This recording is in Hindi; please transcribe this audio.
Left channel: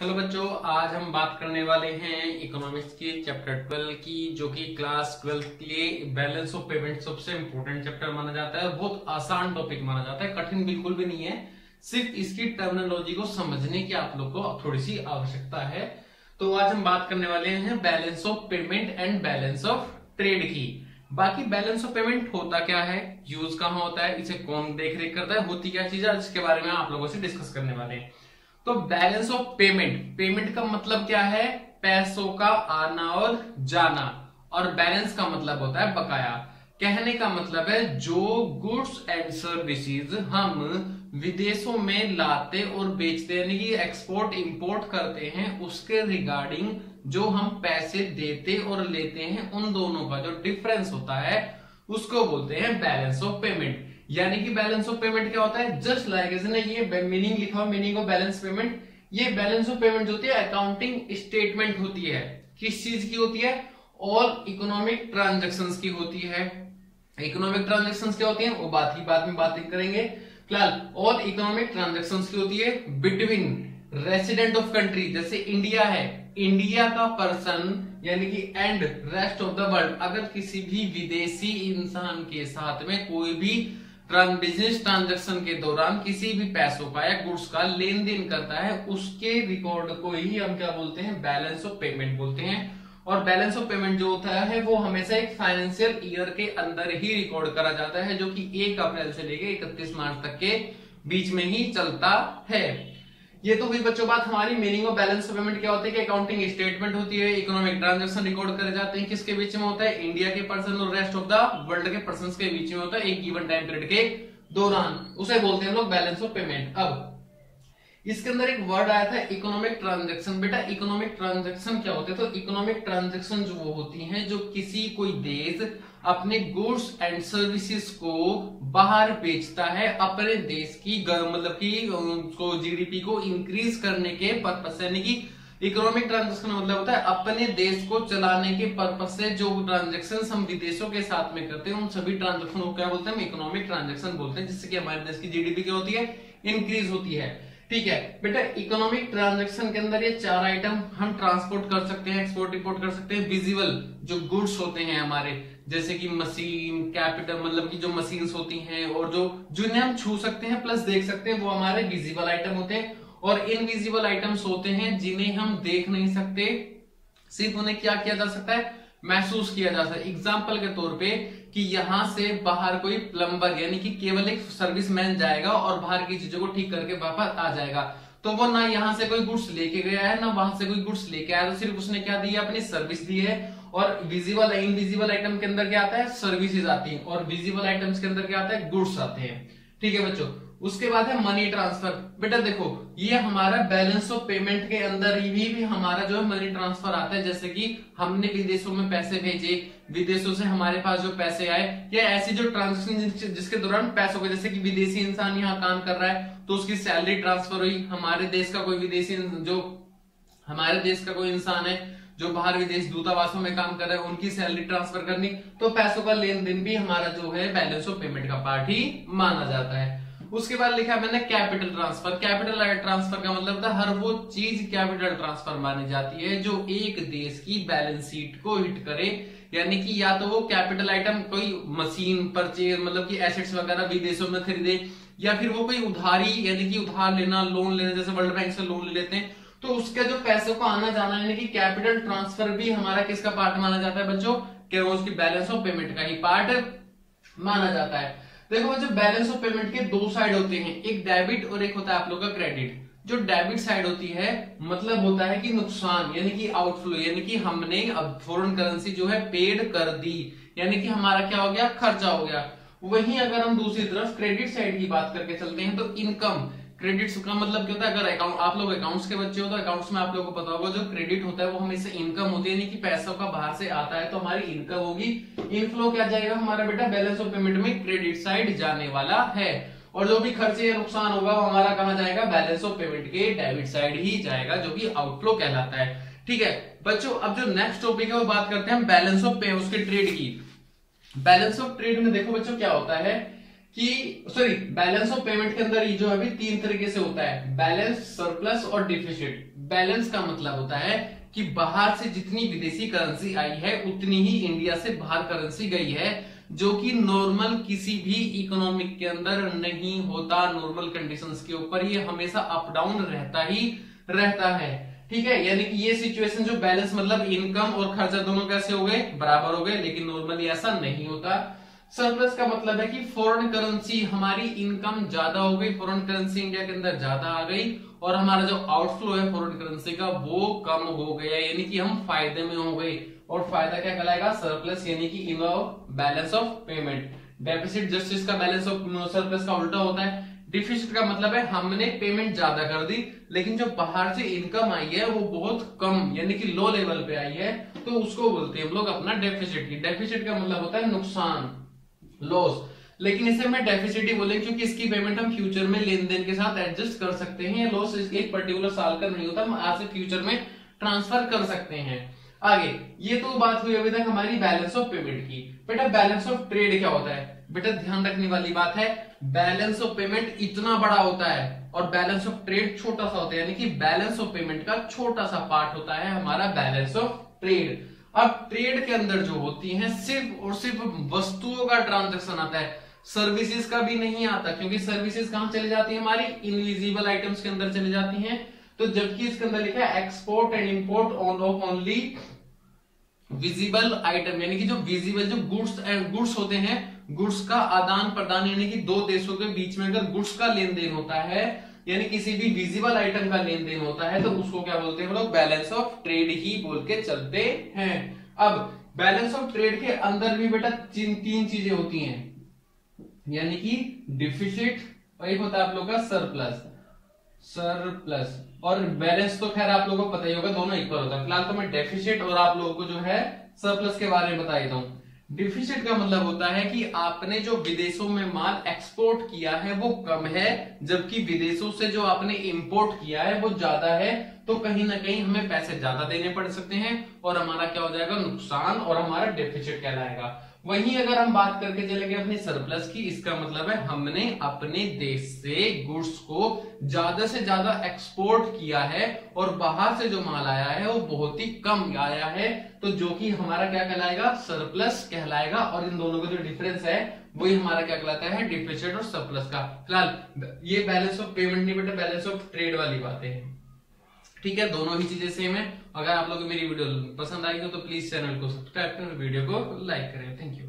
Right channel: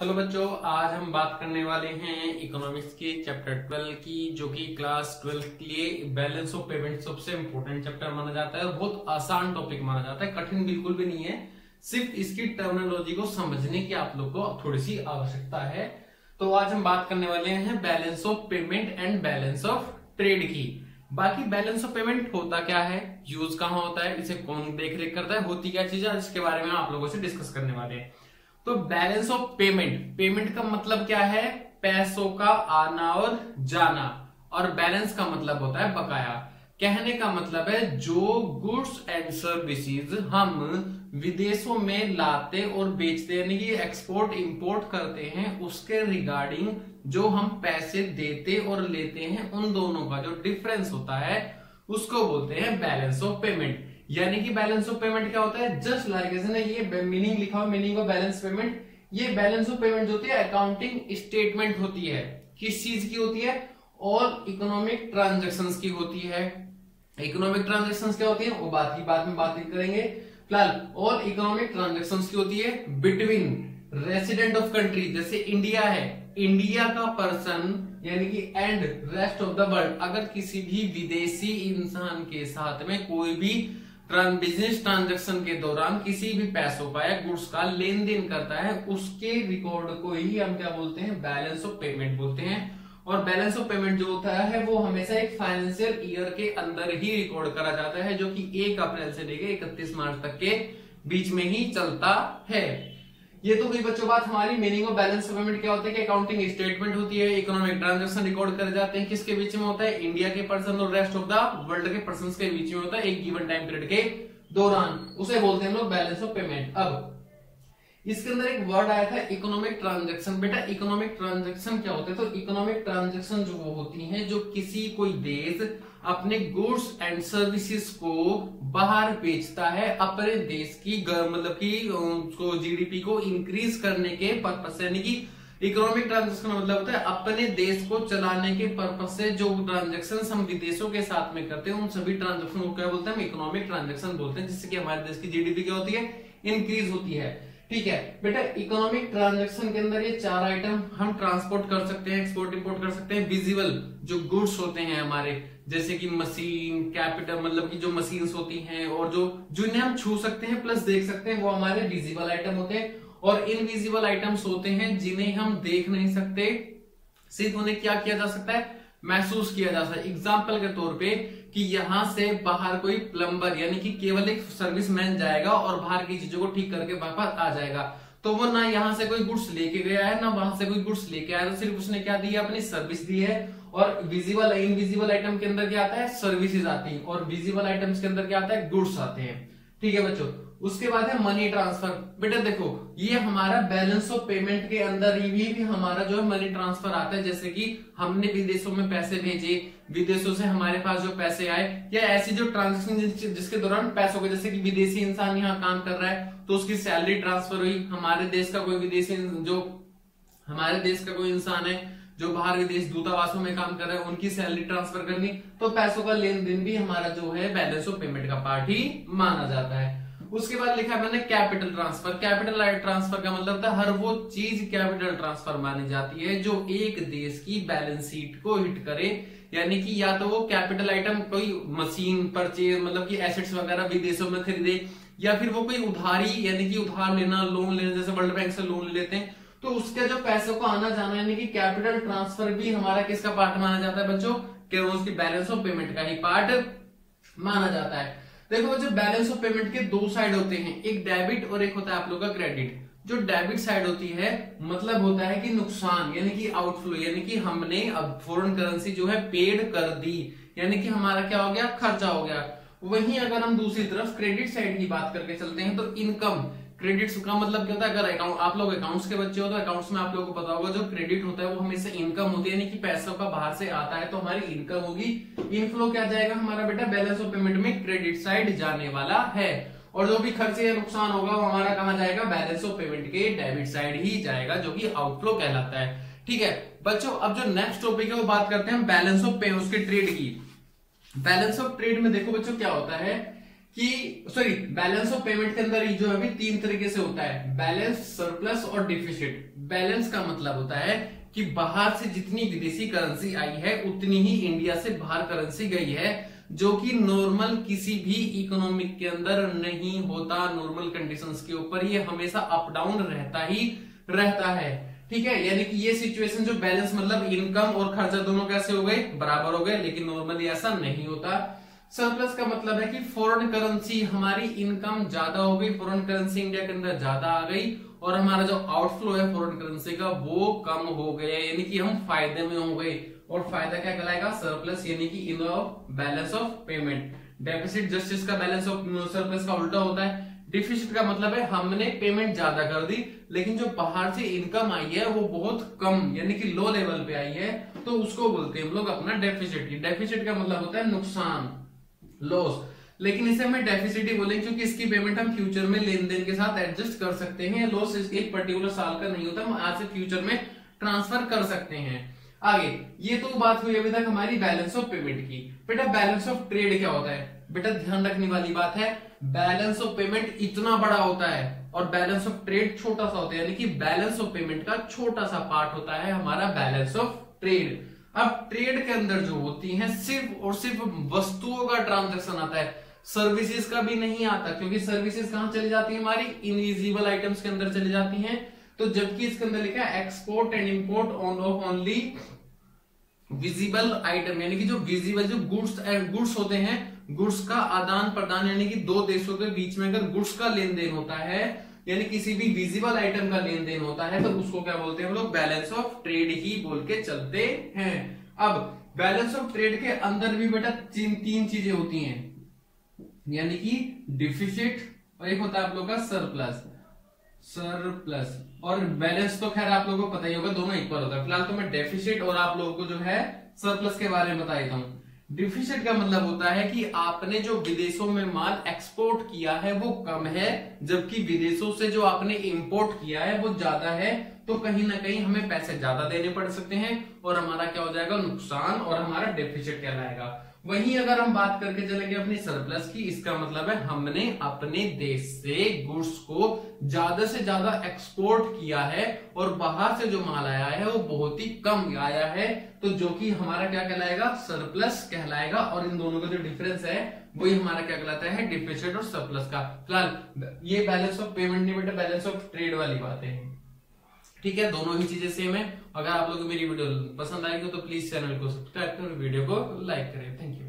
हेलो बच्चों, आज हम बात करने वाले हैं इकोनॉमिक्स के चैप्टर 12 की, जो कि क्लास 12 के लिए बैलेंस ऑफ पेमेंट सबसे इंपॉर्टेंट चैप्टर माना जाता है। बहुत आसान टॉपिक माना जाता है, कठिन बिल्कुल भी नहीं है। सिर्फ इसकी टर्मिनोलॉजी को समझने की आप लोग को थोड़ी सी आवश्यकता है। तो आज हम बात करने वाले हैं balance of payment and balance of trade की। बाकी बैलेंस ऑफ पेमेंट होता क्या है, यूज कहाँ होता है, इसे कौन देख रेख करता है, होती क्या चीज है, इसके बारे में आप लोगों से डिस्कस करने वाले हैं। तो बैलेंस ऑफ पेमेंट, पेमेंट का मतलब क्या है, पैसों का आना और जाना, और बैलेंस का मतलब होता है बकाया। कहने का मतलब है जो गुड्स एंड सर्विसेज हम विदेशों में लाते और बेचते यानी कि एक्सपोर्ट इंपोर्ट करते हैं, उसके रिगार्डिंग जो हम पैसे देते और लेते हैं, उन दोनों का जो डिफरेंस होता है उसको बोलते हैं बैलेंस ऑफ पेमेंट। यानी कि बैलेंस ऑफ पेमेंट क्या होता है, जस्ट लाइक इसने ये मीनिंग लिखा हुआ, मीनिंग ऑफ बैलेंस पेमेंट। ये बैलेंस ऑफ पेमेंट जो होती है अकाउंटिंग स्टेटमेंट होती है। किस चीज की होती है, और इकोनॉमिक ट्रांजैक्शंस की होती है। इकोनॉमिक ट्रांजैक्शंस क्या होती है वो बाद में बात करेंगे फिलहाल। और इकोनॉमिक ट्रांजैक्शंस की होती है बिटवीन रेसिडेंट ऑफ कंट्री, जैसे इंडिया है, इंडिया का पर्सन यानी कि and rest of the world, अगर किसी भी विदेशी इंसान के साथ में कोई भी बिजनेस ट्रांजैक्शन के दौरान किसी भी पैसों का या गुड्स का लेन देन करता है, उसके रिकॉर्ड को ही हम क्या बोलते हैं, बैलेंस ऑफ पेमेंट बोलते हैं। और बैलेंस ऑफ पेमेंट जो होता है वो हमेशा एक फाइनेंशियल ईयर के अंदर ही रिकॉर्ड करा जाता है, जो कि 1 अप्रैल से लेकर 31 मार्च तक के बीच में ही चलता है। ये तो हुई बच्चों बात हमारी meaning of balance of payment क्या होता है कि अकाउंटिंग स्टेटमेंट होती है, इकोनॉमिक ट्रांजैक्शन रिकॉर्ड करे जाते हैं, किसके बीच में होता है, इंडिया के पर्सन और रेस्ट ऑफ द वर्ल्ड के पर्संस के बीच में होता है एक गिवन टाइम पीरियड के दौरान, उसे बोलते हैं हम लोग बैलेंस ऑफ पेमेंट। अब इसके अंदर एक वर्ड आया था इकोनॉमिक ट्रांजैक्शन। बेटा इकोनॉमिक ट्रांजैक्शन क्या होते हैं, तो इकोनॉमिक ट्रांजैक्शन जो वो होती हैं जो किसी कोई देश अपने गुड्स एंड सर्विसेज को बाहर बेचता है अपने देश की मतलब की उसको जीडीपी को इंक्रीज करने के पर्पस से। यानी कि इकोनॉमिक ट्रांजैक्शन मतलब होता है अपने देश को चलाने के पर्पस से जो ट्रांजैक्शन हम विदेशों के साथ में करते हैं, उन सभी ट्रांजैक्शन को क्या बोलते हैं, हम इकोनॉमिक ट्रांजैक्शन बोलते हैं, जिससे कि हमारे देश की जीडीपी क्या होती है, इंक्रीज होती है। ठीक है बेटा, इकोनॉमिक ट्रांजैक्शन के अंदर ये 4 आइटम हम ट्रांसपोर्ट कर सकते हैं, एक्सपोर्ट इंपोर्ट कर सकते हैं। विजिबल जो गुड्स होते हैं हमारे, जैसे कि मशीन, कैपिटल मतलब कि जो मशीन्स होती हैं, और जो जिन्हें हम छू सकते हैं प्लस देख सकते हैं, वो हमारे विजिबल आइटम होते हैं। और इनविजिबल आइटम्स होते हैं जिन्हें हम देख नहीं सकते, सिर्फ उन्हें क्या किया जा सकता है, महसूस किया जा सकता है। एग्जाम्पल के तौर पे कि यहां से बाहर कोई प्लम्बर यानी कि केवल एक सर्विसमैन जाएगा और बाहर की चीजों को ठीक करके वापस आ जाएगा, तो वो ना यहाँ से कोई गुड्स लेके गया है ना वहां से कोई गुड्स लेके आया, तो सिर्फ उसने क्या दिया, अपनी सर्विस दी है। और विजिबल इनविजिबल आइटम के अंदर क्या आता है, सर्विसेज आती है, और विजिबल आइटम्स के अंदर क्या आता है, गुड्स आते हैं। ठीक है बच्चों, उसके बाद है मनी ट्रांसफर। बेटा देखो ये हमारा बैलेंस ऑफ पेमेंट के अंदर ही भी हमारा जो है मनी ट्रांसफर आता है, जैसे कि हमने विदेशों में पैसे भेजे, विदेशों से हमारे पास जो पैसे आए, या ऐसी जो ट्रांजेक्शन जिसके दौरान पैसों के, जैसे कि विदेशी इंसान यहाँ काम कर रहा है तो उसकी सैलरी ट्रांसफर हुई, हमारे देश का कोई विदेशी जो हमारे देश का कोई इंसान है जो बाहर विदेश दूतावासों में काम कर रहा है, उनकी सैलरी ट्रांसफर करनी, तो पैसों का लेन देन भी हमारा जो है बैलेंस ऑफ पेमेंट का पार्ट ही माना जाता है। उसके बाद लिखा मैंने कैपिटल ट्रांसफर। कैपिटल ट्रांसफर का मतलब था हर वो चीज कैपिटल ट्रांसफर मानी जाती है जो एक देश की बैलेंस शीट को हिट करे, यानी कि या तो वो कैपिटल आइटम कोई मशीन परचेज मतलब कि एसेट्स वगैरह विदेशों में खरीदे, या फिर वो कोई उधारी यानी कि उधार लेना, लोन लेना, जैसे वर्ल्ड बैंक से लोन ले लेते हैं, तो उसके जो पैसों को आना जाना यानी कि कैपिटल ट्रांसफर भी हमारा किसका पार्ट माना जाता है बच्चों, कि उसकी बैलेंस ऑफ पेमेंट का ही पार्ट माना जाता है। देखो बच्चों बैलेंस ऑफ पेमेंट के 2 साइड होते हैं, एक डेबिट और एक होता है आप लोग का क्रेडिट। जो डेबिट साइड होती है मतलब होता है कि नुकसान यानी कि आउटफ्लो, यानी कि हमने अब फॉरेन करेंसी जो है पेड कर दी, यानी कि हमारा क्या हो गया, खर्चा हो गया। वहीं अगर हम दूसरी तरफ क्रेडिट साइड की बात करके चलते हैं तो इनकम, क्रेडिट्स का मतलब क्या होता है, अगर अकाउंट आप लोग अकाउंट्स के बच्चे हो तो अकाउंट्स में आप लोगों को पता होगा जो क्रेडिट होता है वो हमेशा इनकम होती है, यानी कि पैसों का बाहर से आता है तो हमारी इनकम होगी। इनफ्लो क्या जाएगा हमारा बेटा, बैलेंस ऑफ पेमेंट में क्रेडिट साइड जाने वाला है, और जो भी खर्चे या नुकसान होगा वो हमारा कहाँ जाएगा, बैलेंस ऑफ पेमेंट के डेबिट साइड ही जाएगा, जो कि आउटफ्लो कहलाता है। ठीक है बच्चों, अब जो नेक्स्ट टॉपिक है वो बात करते हैं हम बैलेंस ऑफ पे उसके ट्रेड की। बैलेंस ऑफ ट्रेड में देखो बच्चों क्या होता है कि सॉरी बैलेंस ऑफ पेमेंट के अंदर ये जो अभी तीन तरीके से होता है, बैलेंस, सरप्लस और डिफिसिट। बैलेंस का मतलब होता है कि बाहर से जितनी विदेशी करेंसी आई है उतनी ही इंडिया से बाहर करेंसी गई है, जो कि नॉर्मल किसी भी इकोनॉमिक के अंदर नहीं होता। नॉर्मल कंडीशंस के ऊपर ये हमेशा अप डाउन रहता है, ठीक है। यानी कि ये सिचुएशन जो बैलेंस मतलब इनकम और खर्चा दोनों कैसे हो गए, बराबर हो गए, लेकिन नॉर्मली ऐसा नहीं होता। सरप्लस का मतलब है कि फॉरेन करेंसी, हमारी इनकम ज्यादा हो गई, फॉरेन करेंसी इंडिया के अंदर ज्यादा आ गई और हमारा जो आउटफ्लो है फॉरेन करेंसी का वो कम हो गया, यानी कि हम फायदे में हो गए। और फायदा क्या कहलाएगा, सरप्लस, यानी कि in balance of payment. Deficit just इसका बैलेंस ऑफ सरप्लस का उल्टा होता है। डिफिसिट का मतलब है हमने पेमेंट ज्यादा कर दी लेकिन जो बाहर से इनकम आई है वो बहुत कम, यानी कि लो लेवल पे आई है, तो उसको बोलते हैं हम लोग अपना डेफिसिट। डेफिसिट का मतलब होता है नुकसान, लॉस, लेकिन इसे हमें डेफिसिट ही बोलेंगे क्योंकि इसकी पेमेंट हम फ्यूचर में लेन देन के साथ एडजस्ट कर सकते हैं। लॉस एक पर्टिकुलर साल का नहीं होता, हम आज से फ्यूचर में ट्रांसफर कर सकते हैं। आगे ये तो बात हुई अभी तक हमारी बैलेंस ऑफ पेमेंट की। बेटा बैलेंस ऑफ ट्रेड क्या होता है, बेटा ध्यान रखने वाली बात है, बैलेंस ऑफ पेमेंट इतना बड़ा होता है और बैलेंस ऑफ ट्रेड छोटा सा होता है, यानी कि बैलेंस ऑफ पेमेंट का छोटा सा पार्ट होता है हमारा बैलेंस ऑफ ट्रेड। अब ट्रेड के अंदर जो होती है सिर्फ और सिर्फ वस्तुओं का ट्रांजैक्शन आता है, सर्विसेज का भी नहीं आता, क्योंकि सर्विसेज कहां चली जाती है, हमारी इनविजिबल आइटम्स के अंदर चली जाती हैं। तो जबकि इसके अंदर लिखा है export and import of only visible item, यानी कि जो विजिबल जो गुड्स होते हैं, गुड्स का आदान प्रदान, यानी कि दो देशों के बीच में अगर गुड्स का लेन देन होता है, यानी किसी भी विजिबल आइटम का लेन देन होता है, तो उसको क्या बोलते हैं हम लोग, बैलेंस ऑफ ट्रेड ही बोल के चलते हैं। अब बैलेंस ऑफ ट्रेड के अंदर भी बेटा तीन चीजें होती हैं, यानी कि डिफिसिट और एक होता है आप लोग का सरप्लस और बैलेंस तो खैर आप लोगों को पता ही होगा, दोनों इक्वल होता है। फिलहाल तो मैं डेफिसिट और आप लोगों को जो है सरप्लस के बारे में बता देता हूं। डिफिसिट का मतलब होता है कि आपने जो विदेशों में माल एक्सपोर्ट किया है वो कम है, जबकि विदेशों से जो आपने इंपोर्ट किया है वो ज्यादा है, तो कहीं ना कहीं हमें पैसे ज्यादा देने पड़ सकते हैं और हमारा क्या हो जाएगा, नुकसान, और हमारा डेफिसिट कहलाएगा। वहीं अगर हम बात करके चलेंगे अपनी सरप्लस की, इसका मतलब है हमने अपने देश से गुड्स को ज्यादा से ज्यादा एक्सपोर्ट किया है और बाहर से जो माल आया है वो बहुत ही कम आया है, तो जो कि हमारा क्या कहलाएगा, सरप्लस कहलाएगा। और इन दोनों का जो डिफरेंस है वही हमारा क्या कहलाता है, डिफिसिट और सरप्लस का। फिलहाल ये बैलेंस ऑफ पेमेंट नहीं बेटा, बैलेंस ऑफ ट्रेड वाली बात है, ठीक है। दोनों ही चीजें सेम है। अगर आप लोग मेरी वीडियो पसंद आई हो तो प्लीज चैनल को सब्सक्राइब करें, वीडियो को लाइक करें। Thank you.